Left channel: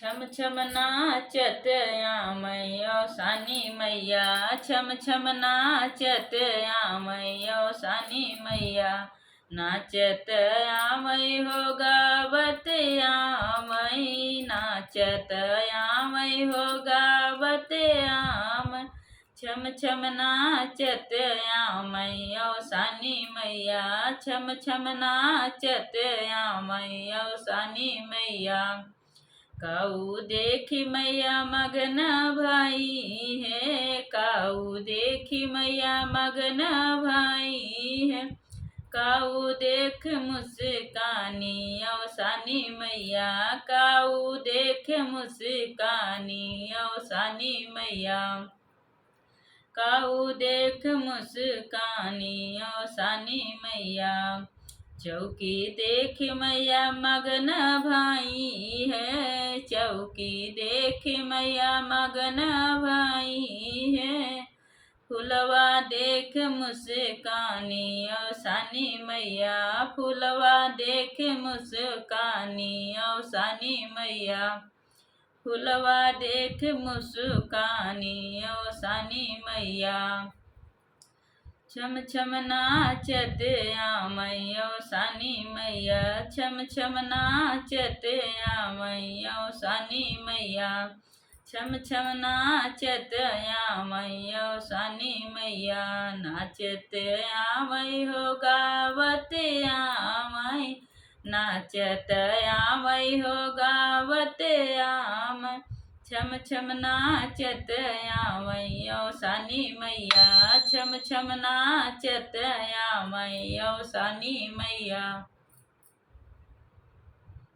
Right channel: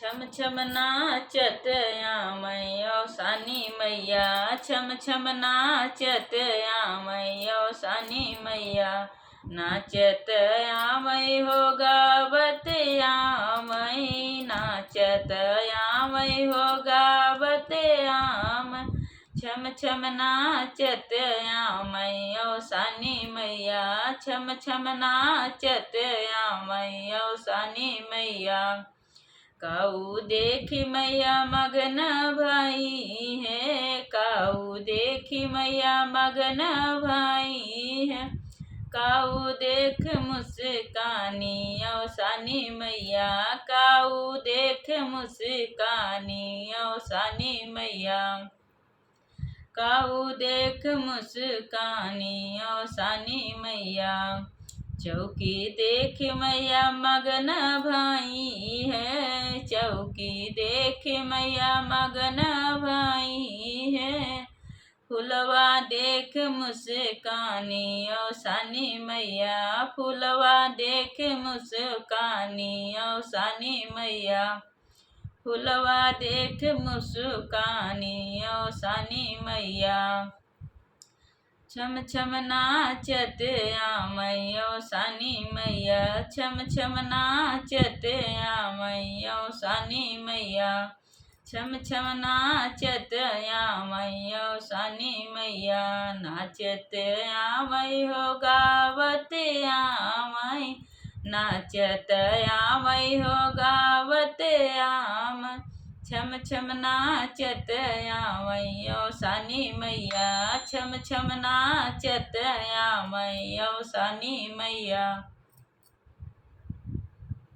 छम छम नाचत आमयो सानी मैया, छम छम नाचत आमयो सानी मैया। नाचत आमय हो गावत आमय, नाचत आमय हो गावत आम। छम छम नाचत आमयो सानी मैया, छम छम नाचत आमयो सानी मैया। काऊ देखी मैया मगन भाई है, काऊ देखी मैया मगन भाई है। काऊ देख मुस्कानी औ सानी मैया, काऊ देख मुस्कानी औ सानी मैया। काऊ देख मुस्कानी औ सानी मैया। चौकी देख मैया मगन भाई है, चौकी देख मैया मगन भाई है। फुलवा देख मुस्कानी औ सानी मैया, फुलवा देख मुस्कानी औ सानी मैया। फुलवा देख मुस्कानी औ सानी मैया। छम छम नाचत आमयो सानी मैया, छम छम नाचत आमयो सानी मैया। छम छम नाचत आमयो सानी मैया। नाचत आमय हो गावत आमय, नाचत आमय हो गावत आम। छम छम नाचत आमयो सानी मैया, छम छम नाचत आमयो सानी मैया।